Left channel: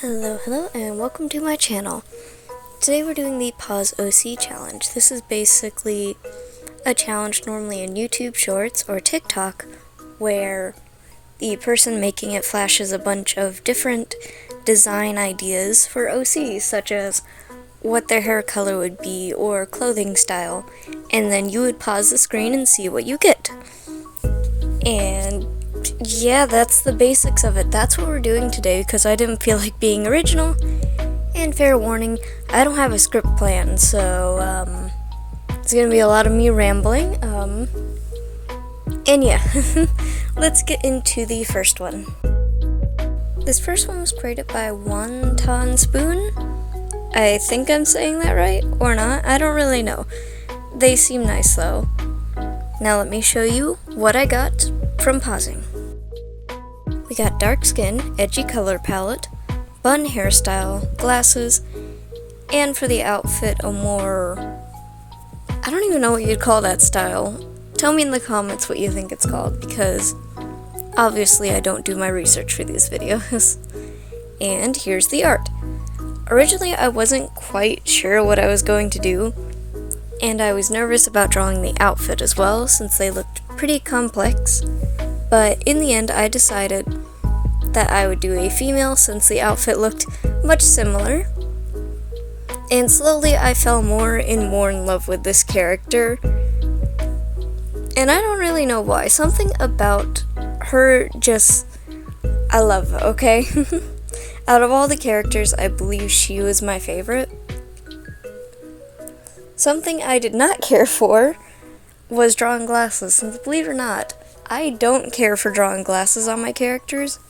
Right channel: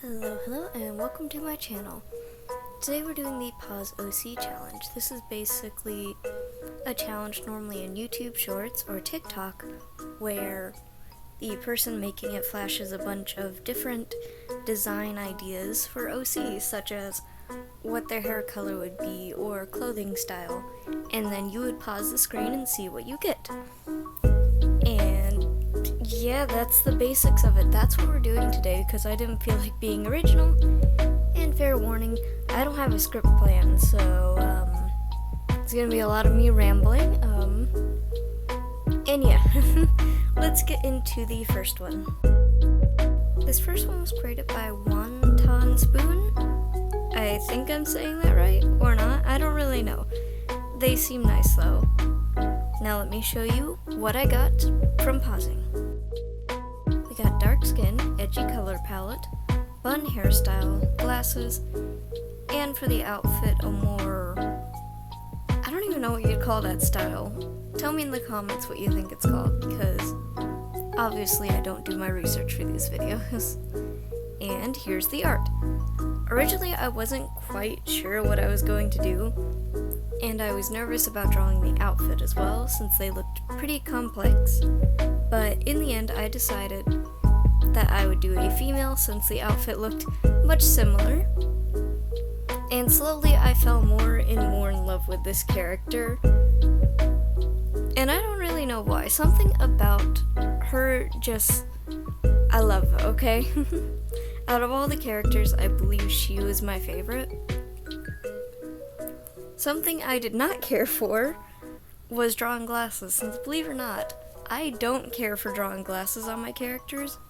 Hello, and welcome to my channel. Today we're doing the Pause OC challenge. This is basically a challenge normally in YouTube Shorts or TikTok where the person making it flashes a bunch of different design ideas for OCs, such as what their hair color would be or clothing style, and then you would pause the screen and see what you get. And yeah, that's the basics of it. That's what we're doing today because I didn't feel like being original. And fair warning, I don't have a script plan, so it's gonna be a lot of me rambling. And yeah, let's get into the first one. This first one was created by Wonton Spoon. I think I'm saying that right, or not. I don't really know. They seem nice though. Now let me show you what I got from pausing. We got dark skin, edgy color palette, bun hairstyle, glasses, and for the outfit a more... I don't even know what you'd call that style. Tell me in the comments what you think it's called, because obviously I don't do my research for these videos. And here's the art. Originally I wasn't quite sure what I was going to do, and I was nervous about drawing the outfit as well, since they looked pretty complex. But in the end, I decided that I would do a female since the outfit looked much similar. And slowly I fell more and more in love with this character. And I don't really know why. Something about her just... I love her, okay? Out of all the characters, I believe she was my favorite. Something I did not care for was drawing glasses, since believe it or not, I don't care for drawing glasses on my characters.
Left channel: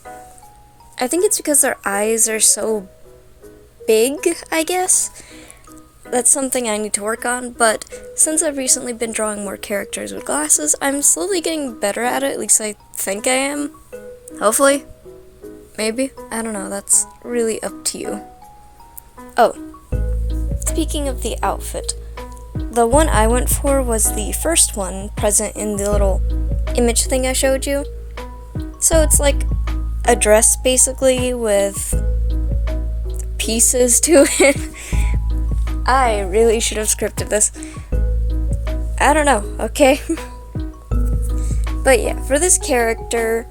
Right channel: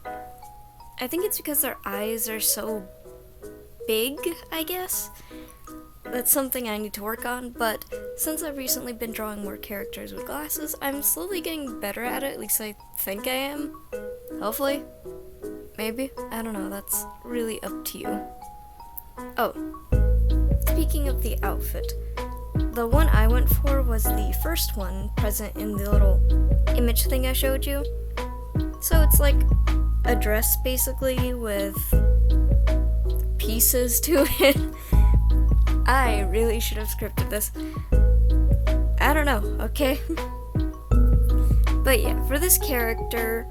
I think it's because their eyes are so big, I guess. That's something I need to work on, but since I've recently been drawing more characters with glasses, I'm slowly getting better at it, at least I think I am. Hopefully. Maybe. I don't know, that's really up to you. Oh, speaking of the outfit, the one I went for was the first one present in the little image thing I showed you. So it's like a dress basically with pieces to it. I really should have scripted this. I don't know, okay? But yeah, for this character,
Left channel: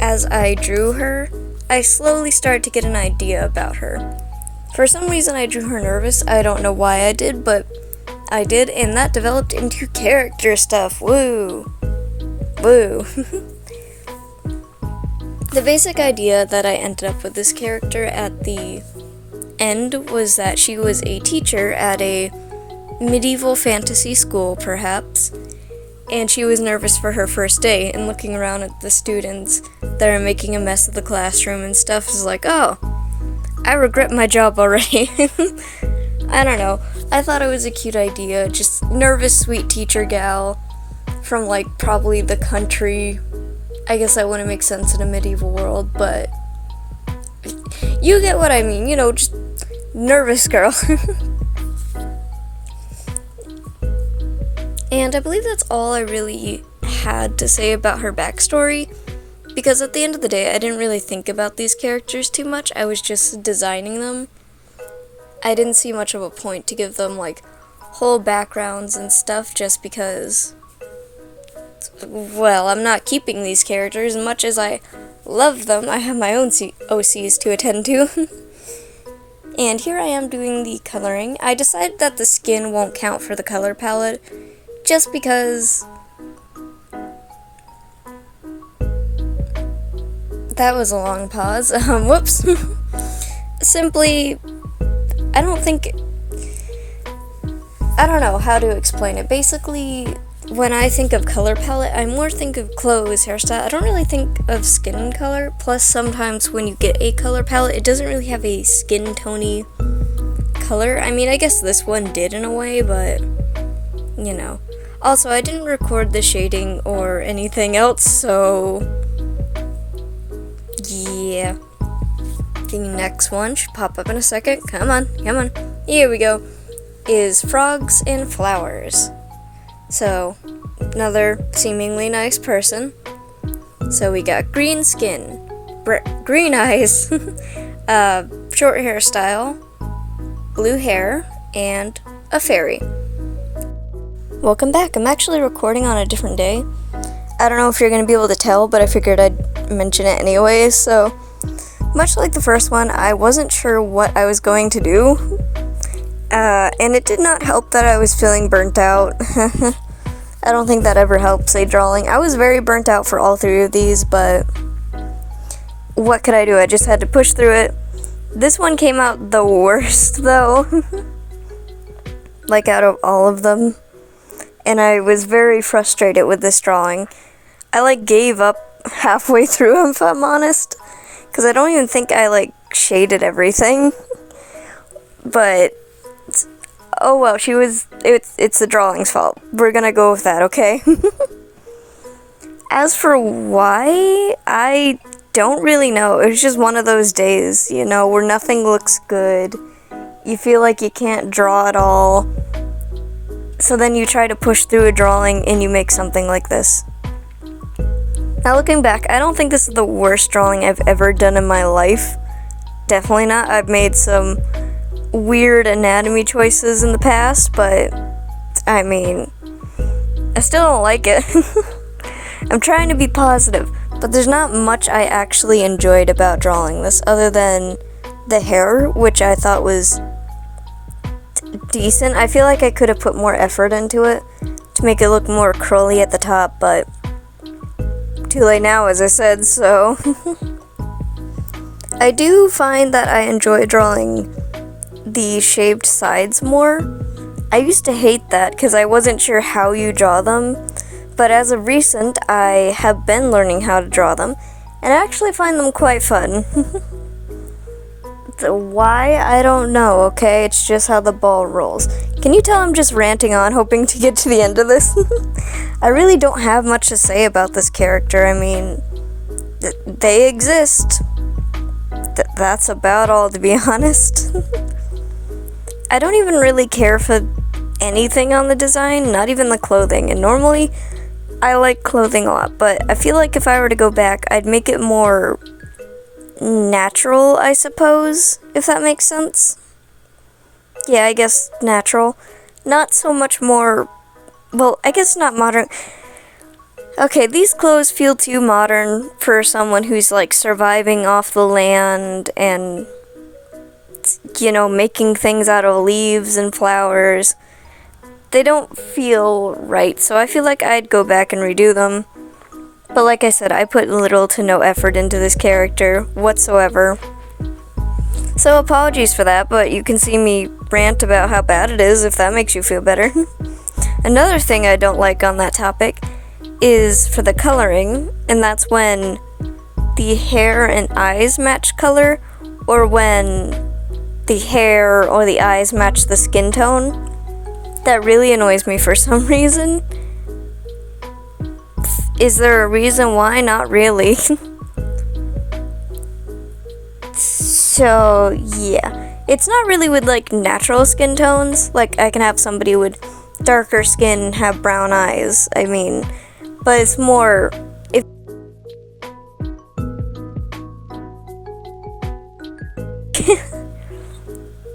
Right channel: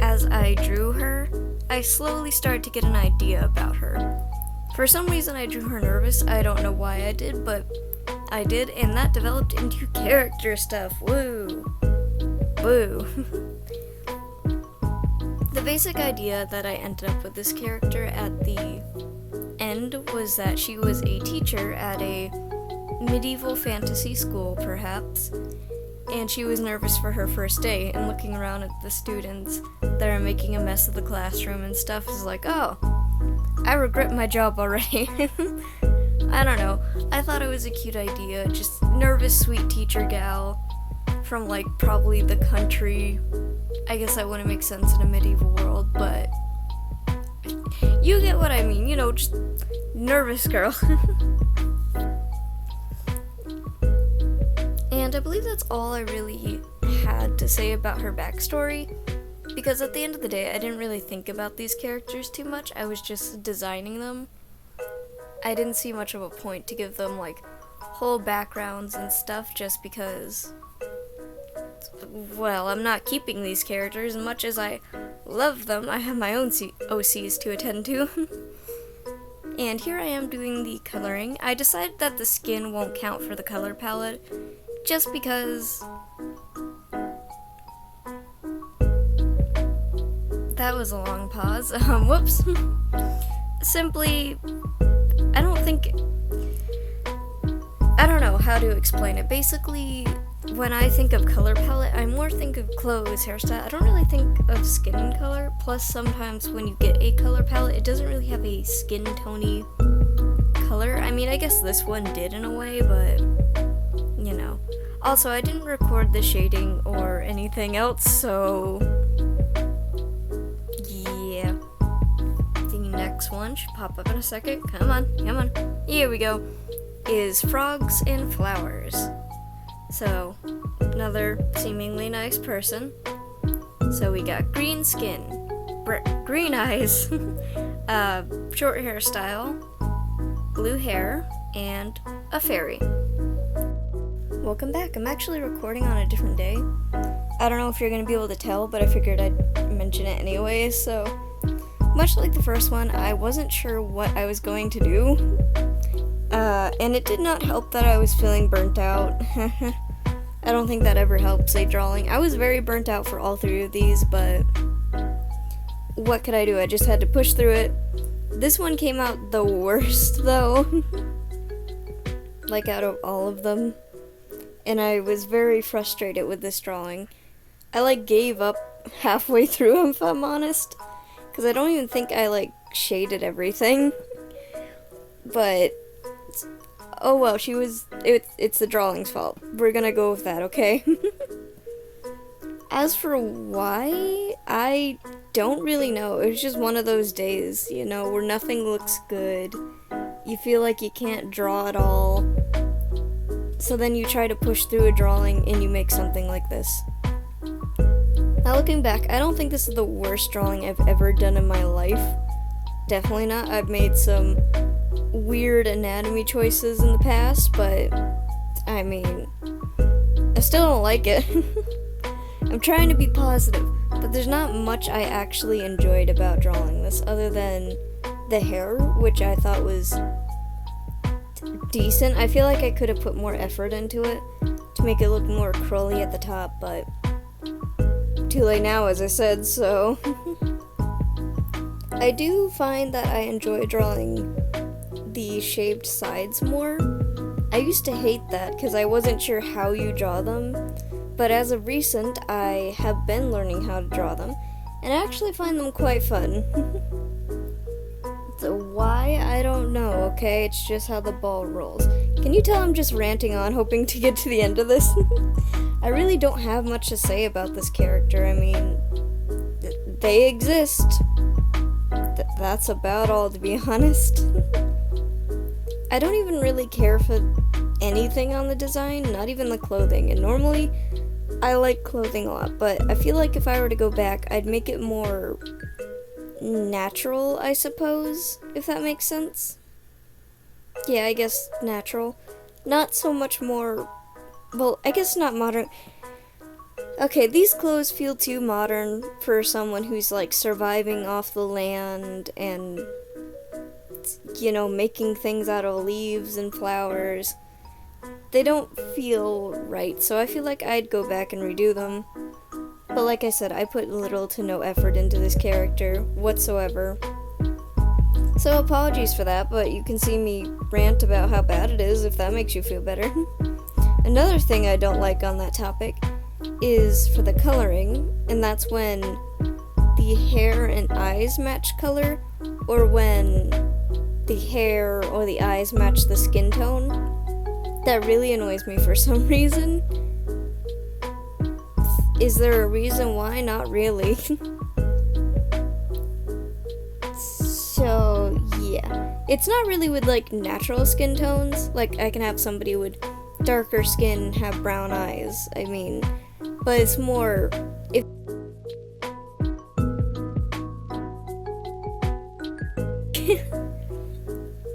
as I drew her, I slowly started to get an idea about her. For some reason I drew her nervous. I don't know why I did, but I did, and that developed into character stuff. Woo! Woo! The basic idea that I ended up with this character at the end was that she was a teacher at a medieval fantasy school, perhaps, and she was nervous for her first day, and looking around at the students that are making a mess of the classroom and stuff is like, oh, I regret my job already. I don't know. I thought it was a cute idea. Just nervous, sweet teacher gal from, like, probably the country. I guess that wouldn't make sense in a medieval world, but you get what I mean. You know, just nervous girl. And I believe that's all I really had to say about her backstory, because at the end of the day, I didn't really think about these characters too much. I was just designing them. I didn't see much of a point to give them, like, whole backgrounds and stuff just because, well, I'm not keeping these characters. As much as I love them, I have my own OCs to attend to. And here I am doing the coloring. I decided that the skin won't count for the color palette just because that was a long pause. Whoops. Simply, I don't know how to explain it. Basically, when I think of color palette, I more think of clothes, hairstyle. I don't really think of skin color. Plus, sometimes when you get a color palette, it doesn't really have a skin tony color. I mean, I guess this one did in a way, but, you know. Also, I didn't record the shading or anything else, so yeah. The next one should pop up in a second. Come on. Here we go. Is frogs and flowers. So, another seemingly nice person. So we got green skin, green eyes, Short hairstyle, blue hair, and a fairy. Welcome back. I'm actually recording on a different day. I don't know if you're going to be able to tell, but I figured I'd mention it anyways. So, much like the first one, I wasn't sure what I was going to do. And it did not help that I was feeling burnt out. I don't think that ever helps a drawing. I was very burnt out for all three of these, but what could I do? I just had to push through it. This one came out the worst, though. Like, out of all of them. And I was very frustrated with this drawing. I, gave up halfway through, if I'm honest. Because I don't even think I, shaded everything. But, oh well, it's the drawing's fault. We're gonna go with that, okay? As for why, I don't really know. It was just one of those days, where nothing looks good. You feel like you can't draw at all. So then you try to push through a drawing and you make something like this. Now looking back, I don't think this is the worst drawing I've ever done in my life. Definitely not. I've made some weird anatomy choices in the past, but I still don't like it. I'm trying to be positive, but there's not much I actually enjoyed about drawing this other than the hair, which I thought was decent. I feel like I could have put more effort into it to make it look more curly at the top, but too late now, as I said, so I do find that I enjoy drawing the shaved sides more. I used to hate that because I wasn't sure how you draw them, but as of recent, I have been learning how to draw them, and I actually find them quite fun. Why? I don't know, okay? It's just how the ball rolls. Can you tell I'm just ranting on, hoping to get to the end of this? I really don't have much to say about this character. They exist. That's about all, to be honest. I don't even really care for anything on the design, not even the clothing. And normally, I like clothing a lot, but I feel like if I were to go back, I'd make it more natural, I suppose, if that makes sense. Yeah, I guess natural. Not so much more, well, I guess not modern. Okay, these clothes feel too modern for someone who's surviving off the land and, making things out of leaves and flowers. They don't feel right, so I feel like I'd go back and redo them. But like I said, I put little to no effort into this character whatsoever. So apologies for that, but you can see me rant about how bad it is if that makes you feel better. Another thing I don't like on that topic is for the coloring, and that's when the hair and eyes match color, or when the hair or the eyes match the skin tone. That really annoys me for some reason. Is there a reason why? Not really. So, yeah. It's not really with, natural skin tones. I can have somebody with darker skin and have brown eyes. But it's more...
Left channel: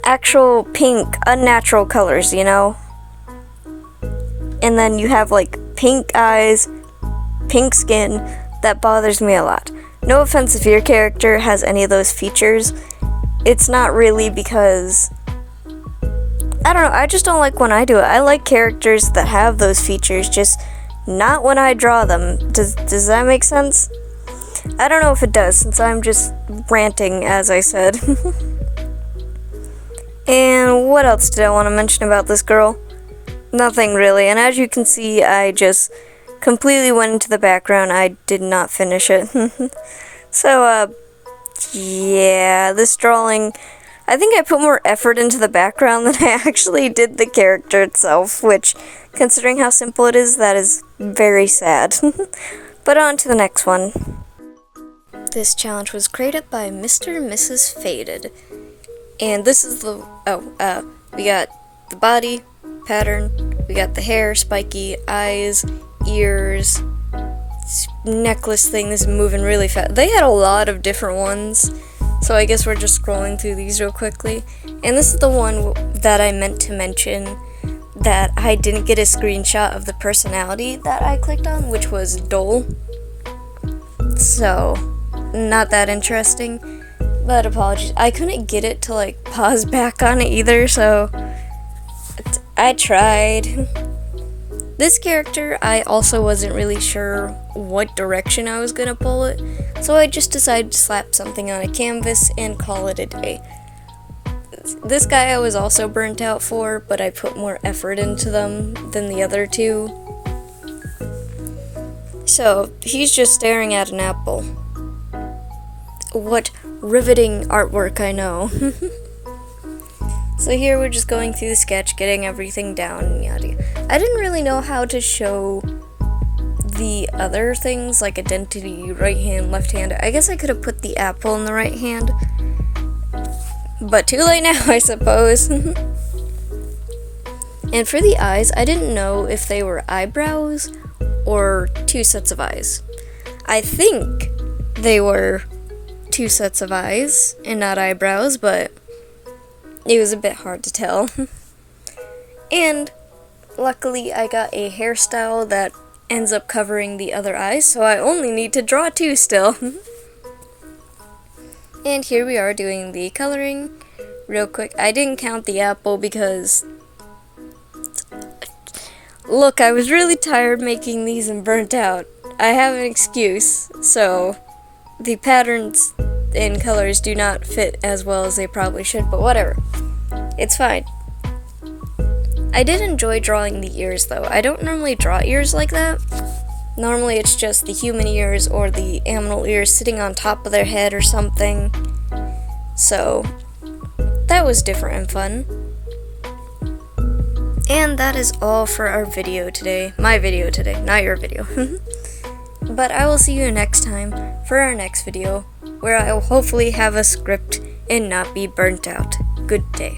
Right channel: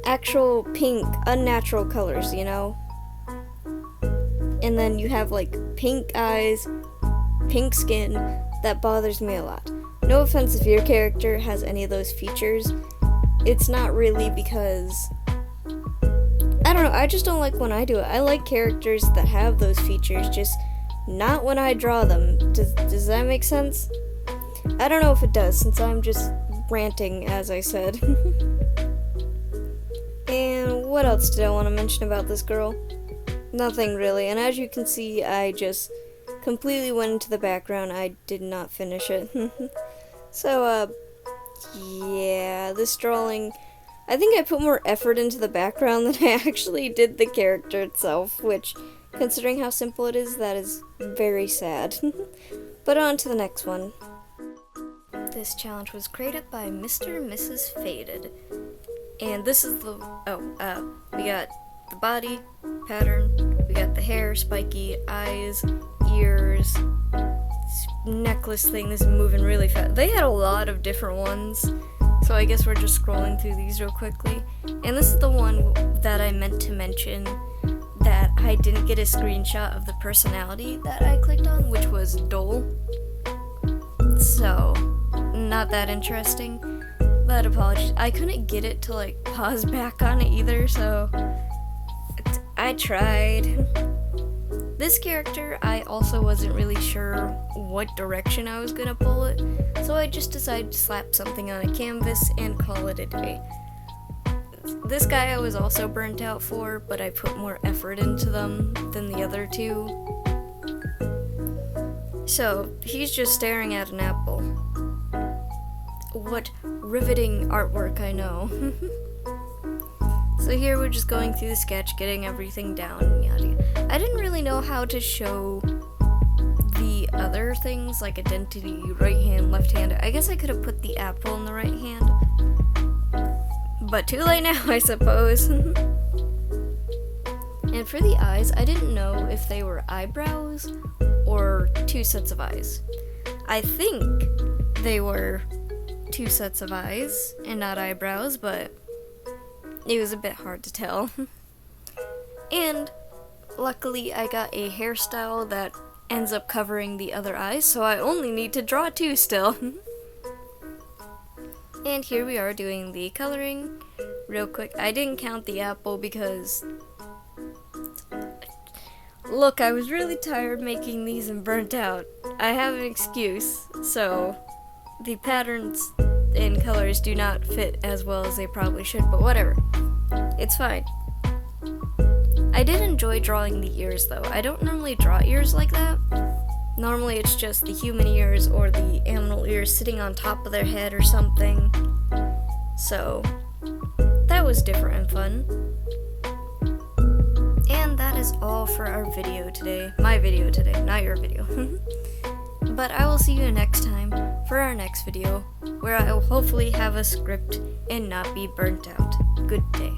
actual pink, unnatural colors, And then you have, pink eyes, pink skin. That bothers me a lot. No offense if your character has any of those features. It's not really because... I don't know, I just don't like when I do it. I like characters that have those features, just not when I draw them. Does that make sense? I don't know if it does, since I'm just ranting, as I said. And what else did I want to mention about this girl? Nothing really, and as you can see, I just completely went into the background. I did not finish it. So, yeah, this drawing, I think I put more effort into the background than I actually did the character itself, which, considering how simple it is, that is very sad. But on to the next one. This challenge was created by Mr. and Mrs. Faded. And this is the, we got the body pattern, we got the hair, spiky, eyes, ears, necklace thing is moving really fast. They had a lot of different ones, So I guess we're just scrolling through these real quickly. And this is the one that I meant to mention that I didn't get a screenshot of the personality that I clicked on, which was Dole. So, not that interesting. But apologies. I couldn't get it to like pause back on it either, so I tried. This character, I also wasn't really sure what direction I was gonna pull it, so I just decided to slap something on a canvas and call it a day. This guy I was also burnt out for, but I put more effort into them than the other two. So, he's just staring at an apple. What riveting artwork, I know. So here we're just going through the sketch, getting everything down, and yada yada. I didn't really know how to show the other things, like identity, right hand, left hand. I guess I could have put the apple in the right hand. But too late now, I suppose. And for the eyes, I didn't know if they were eyebrows or two sets of eyes. I think they were two sets of eyes and not eyebrows, but it was a bit hard to tell. And luckily I got a hairstyle that ends up covering the other eyes, so I only need to draw two still. And here we are doing the coloring real quick. I didn't count the apple because, look, I was really tired making these and burnt out. I have an excuse, so the patterns and colors do not fit as well as they probably should, but whatever. It's fine. I did enjoy drawing the ears, though. I don't normally draw ears like that. Normally it's just the human ears or the animal ears sitting on top of their head or something. So, that was different and fun. And that is all for our video today. My video today, not your video. But I will see you next time for our next video, where I will hopefully have a script and not be burnt out. Good day.